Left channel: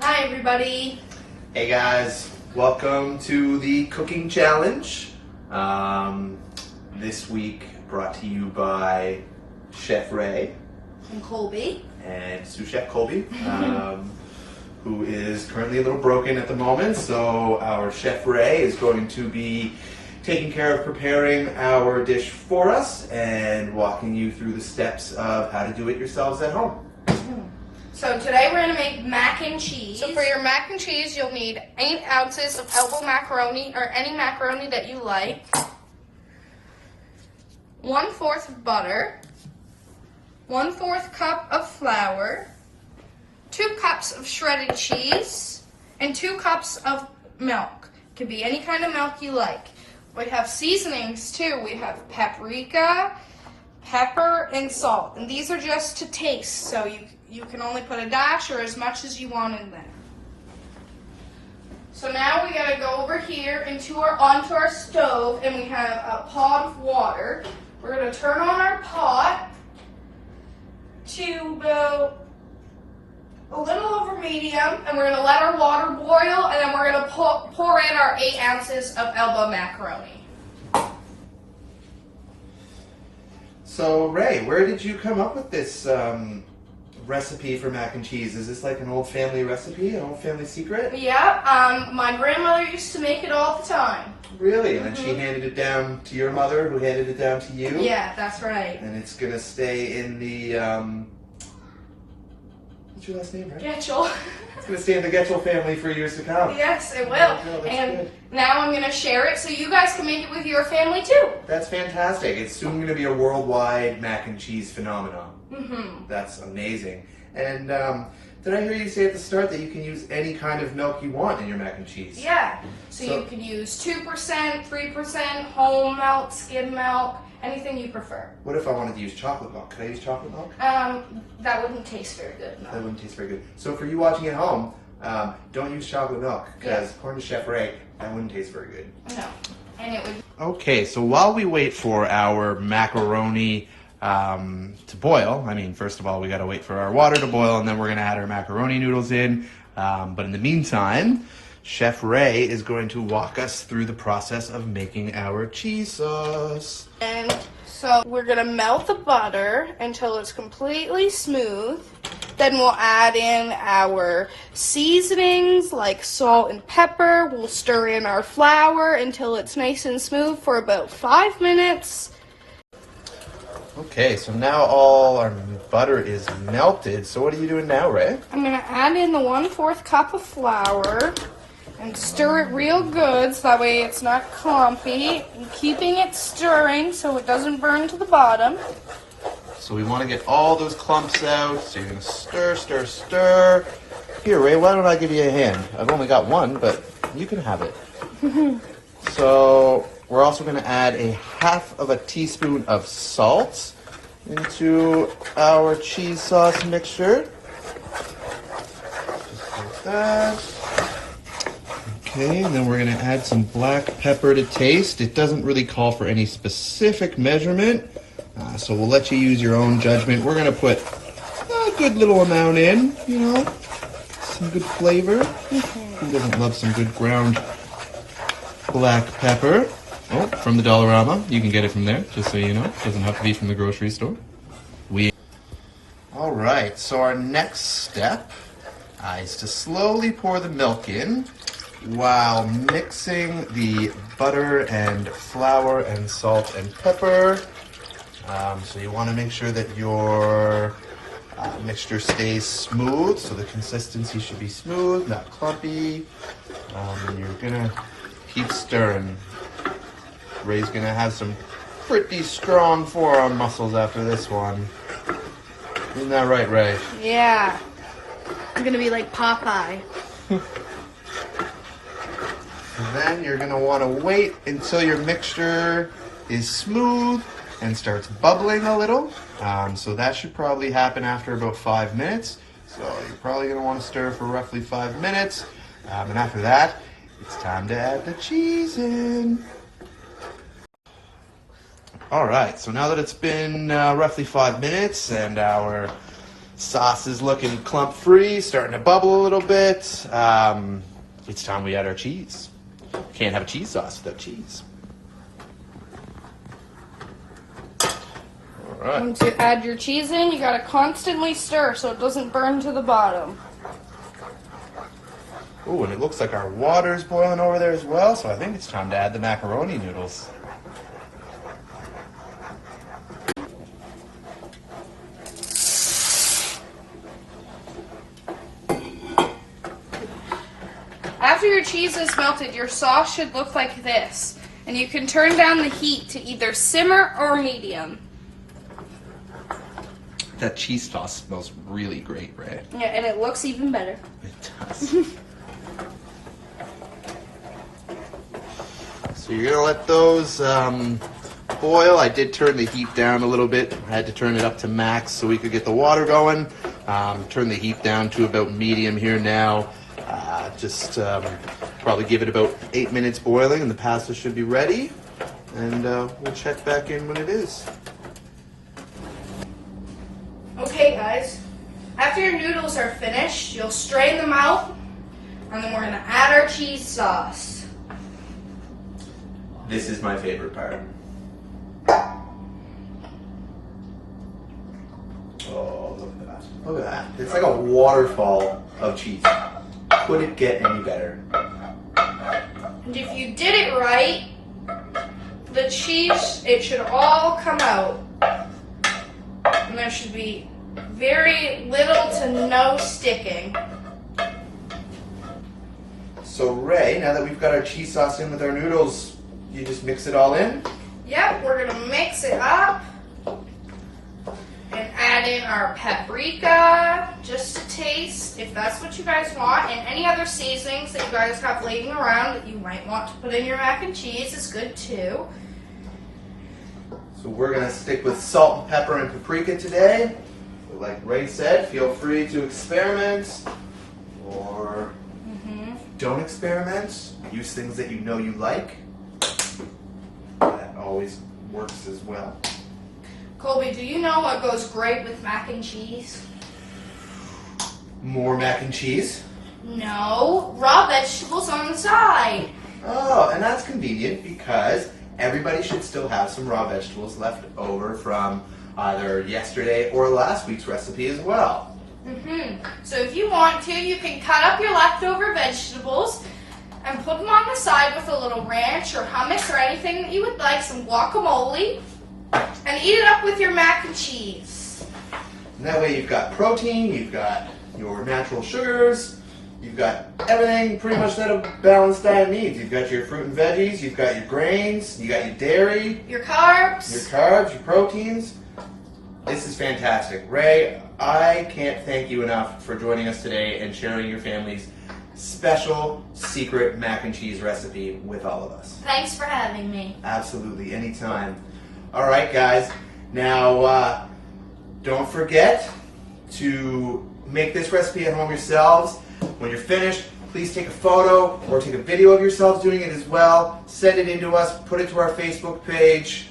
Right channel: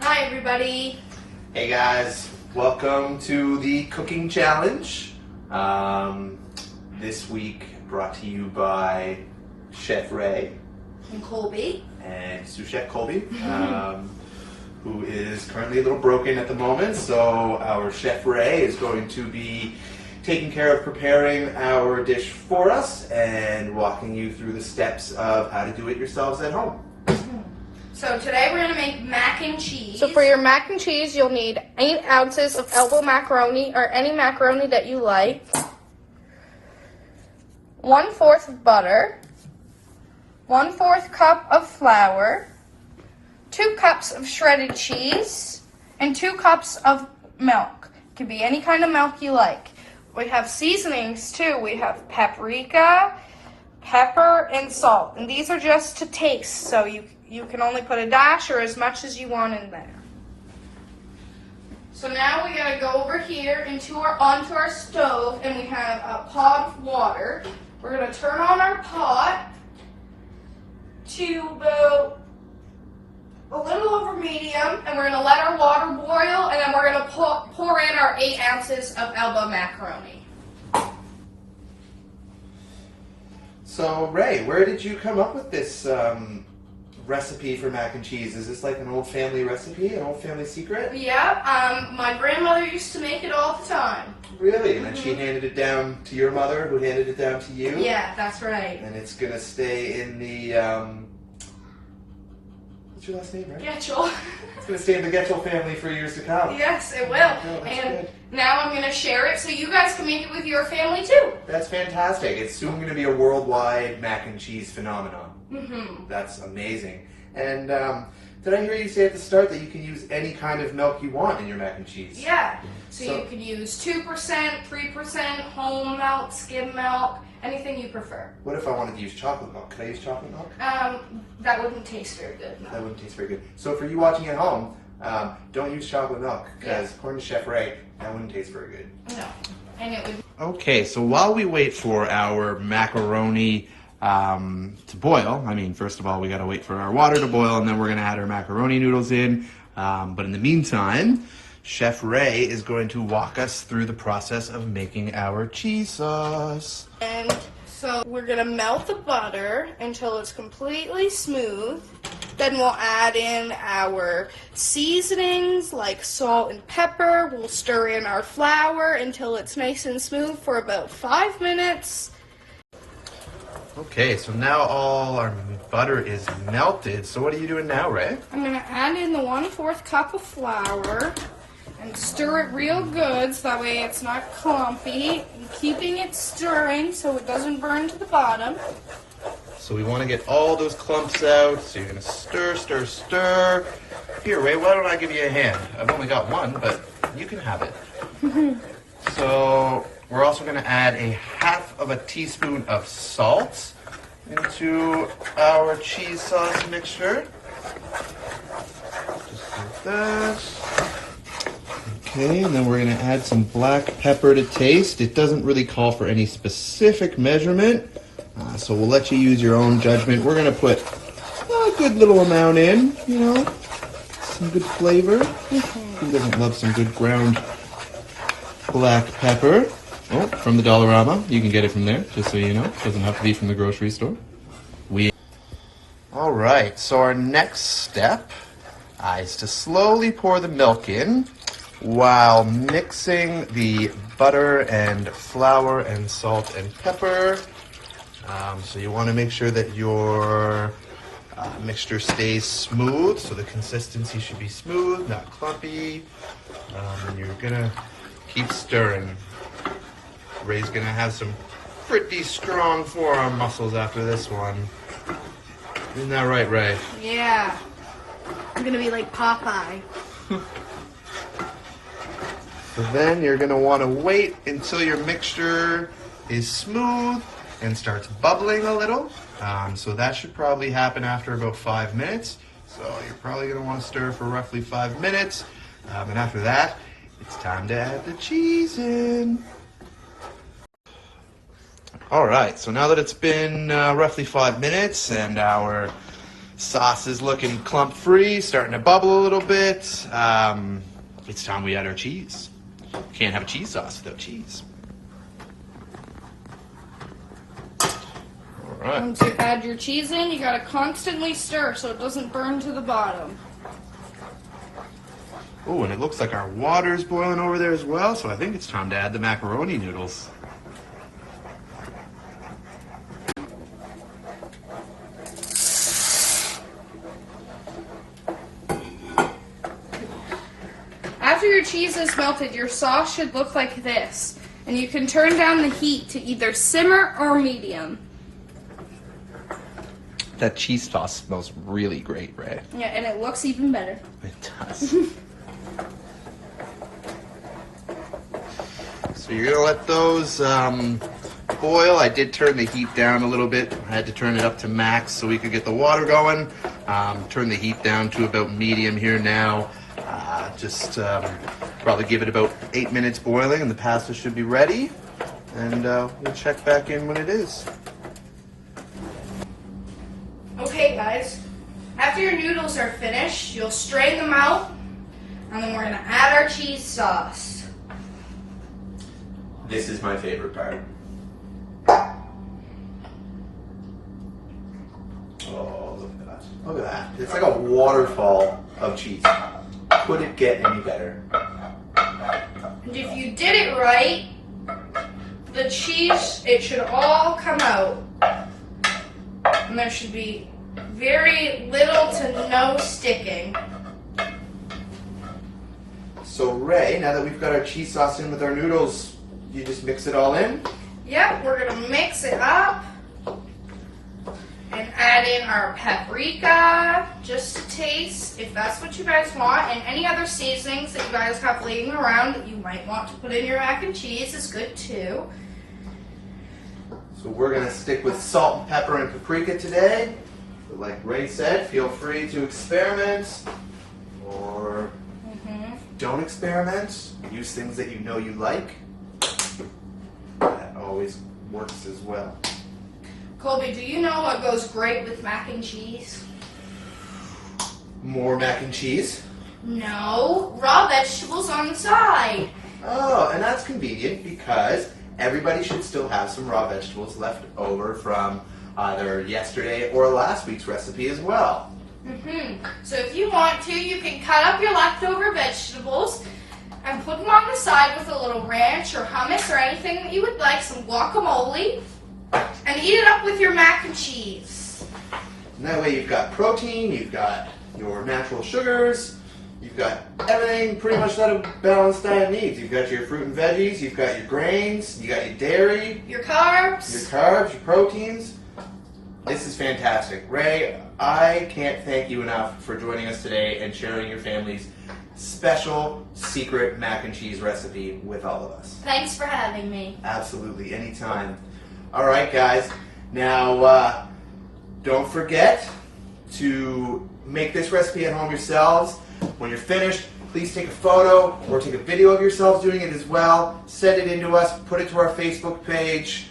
Hi everybody. Hey guys, welcome to the cooking challenge. This week brought to you by Chef Rae And Colby. and sous chef Colby, who is currently a little broken at the moment. So our Chef Rae is going to be taking care of preparing our dish for us and walking you through the steps of how to do it yourselves at home. So today we're going to make mac and cheese. So for your mac and cheese, you'll need 8 ounces of elbow macaroni or any macaroni that you like, 1/4 of butter, 1/4 cup of flour, 2 cups of shredded cheese, and 2 cups of milk. It can be any kind of milk you like. We have seasonings too. We have paprika, pepper, and salt. And these are just to taste, so you can only put a dash or as much as you want in there. So now we gotta go over here onto our stove, and we have a pot of water. We're gonna turn on our pot to about a little over medium, and we're gonna let our water boil, and then we're gonna pour in our 8 ounces of elbow macaroni. So Rae, where did you come up with this recipe for mac and cheese? Is this like an old family recipe, an old family secret? Yeah, my grandmother used to make it all the time. Really? And then she handed it down to your mother, who handed it down to you? Yeah, that's right. And it's gonna stay in the, what's your last name, right? Getchell. It's gonna stay in the Getchell family for years to come. Yes, it will. Oh, that's And good. now I'm going to share it so you guys can make it with your family too. That's fantastic. It's soon gonna be a worldwide mac and cheese phenomenon. That's amazing. And did I hear you say at the start that you can use any kind of milk you want in your mac and cheese? Yeah. So So- you could use 2%, 3%, whole milk, skim milk, anything you prefer. What if I wanted to use chocolate milk? Could I use chocolate milk? That wouldn't taste very good. That No. wouldn't taste very good. So for you watching at home, don't use chocolate milk, because according to Chef Rae, that wouldn't taste very good. No. And it would. Okay, so while we wait for our macaroni to boil, first of all, we gotta wait for our water to boil, and then we're gonna add our macaroni noodles in. But in the meantime, Chef Rae is going to walk us through the process of making our cheese sauce. And so we're gonna melt the butter until it's completely smooth. Then we'll add in our seasonings like salt and pepper. We'll stir in our flour until it's nice and smooth for about 5 minutes. Okay, so now all our butter is melted. So what are you doing now, Rae? I'm gonna add in the 1/4 cup of flour and stir it real good so that way it's not clumpy. And keeping it stirring so it doesn't burn to the bottom. So we want to get all those clumps out. So you're gonna stir, stir, stir. Here, Rae, why don't I give you a hand? I've only got one, but you can have it. So we're also gonna add a 1/2 teaspoon of salt into our cheese sauce mixture. Just like that. Okay, and then we're gonna add some black pepper to taste. It doesn't really call for any specific measurement, so we'll let you use your own judgment. We're gonna put a good little amount in, some good flavor. Who doesn't love some good ground black pepper? Oh, from the Dollarama. You can get it from there, just so you know. It doesn't have to be from the grocery store. All right, so our next step is to slowly pour the milk in while mixing the butter and flour and salt and pepper. So you want to make sure that your mixture stays smooth, so the consistency should be smooth, not clumpy. And you're gonna keep stirring. Ray's gonna have some pretty strong forearm muscles after this one. Isn't that right, Rae? Yeah. I'm gonna be like Popeye. Then you're gonna want to wait until your mixture is smooth and starts bubbling a little. So that should probably happen after about 5 minutes. So you're probably gonna want to stir for roughly 5 minutes. And after that, it's time to add the cheese in. All right, so now that it's been roughly 5 minutes and our Sauce is looking clump free, starting to bubble a little bit. It's time we add our cheese. Can't have a cheese sauce without cheese. All right. Once you add your cheese in, you gotta constantly stir so it doesn't burn to the bottom. Oh, and it looks like our water's boiling over there as well, so I think it's time to add the macaroni noodles. After your cheese is melted, your sauce should look like this. And you can turn down the heat to either simmer or medium. That cheese sauce smells really great, Ray. Yeah, and it looks even better. It does. So you're gonna let those boil. I did turn the heat down a little bit. I had to turn it up to max so we could get the water going. Turn the heat down to about medium here now. Probably give it about 8 minutes boiling and the pasta should be ready. And we'll check back in when it is. Okay guys, after your noodles are finished, you'll strain them out, and then we're gonna add our cheese sauce. This is my favorite part. Oh, look at that. Look at that. It's like a waterfall of cheese. Could it get any better? And if you did it right, the cheese, it should all come out. And there should be very little to no sticking. So Ray, now that we've got our cheese sauce in with our noodles, you just mix it all in? Yep, we're gonna mix it up and add in our paprika, just to taste, if that's what you guys want, and any other seasonings that you guys have laying around that you might want to put in your mac and cheese is good too. So we're gonna stick with salt and pepper and paprika today. But like Ray said, feel free to experiment, or don't experiment. Use things that you know you like. That always works as well. Colby, do you know what goes great with mac and cheese? More mac and cheese. No, raw vegetables on the side. Oh, and that's convenient because everybody should still have some raw vegetables left over from either yesterday or last week's recipe as well. So if you want to, you can cut up your leftover vegetables and put them on the side with a little ranch or hummus or anything that you would like, some guacamole, and eat it up with your mac and cheese. And that way you've got protein, you've got your natural sugars, you've got everything pretty much that a balanced diet needs. You've got your fruit and veggies, you've got your grains, you got your dairy, Your carbs. your proteins. This is fantastic. Ray, I can't thank you enough for joining us today and sharing your family's special secret mac and cheese recipe with all of us. Thanks for having me. Absolutely, anytime. All right, guys. Now, don't forget to make this recipe at home yourselves. When you're finished, please take a photo or take a video of yourselves doing it as well. Send it in to us. Put it to our Facebook page.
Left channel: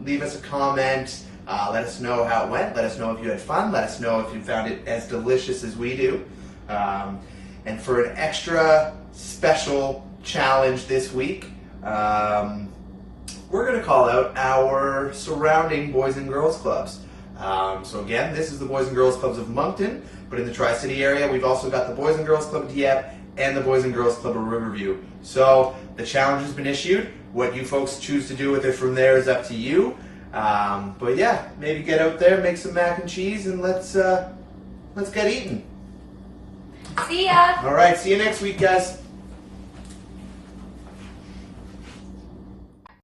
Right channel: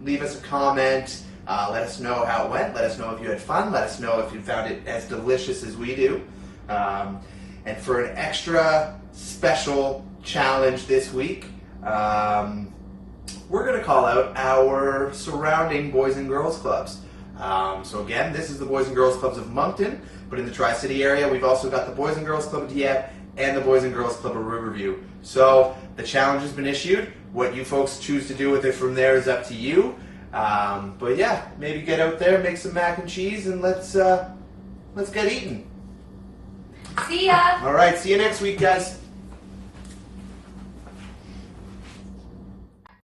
Leave us a comment. Let us know how it went. Let us know if you had fun. Let us know if you found it as delicious as we do. And for an extra special challenge this week, we're going to call out our surrounding Boys and Girls Clubs. So again, this is the Boys and Girls Clubs of Moncton, but in the Tri-City area, we've also got the Boys and Girls Club of Dieppe and the Boys and Girls Club of Riverview. So the challenge has been issued. What you folks choose to do with it from there is up to you. But yeah, maybe get out there, make some mac and cheese, and let's get eating. See ya. All right, see you next week, guys.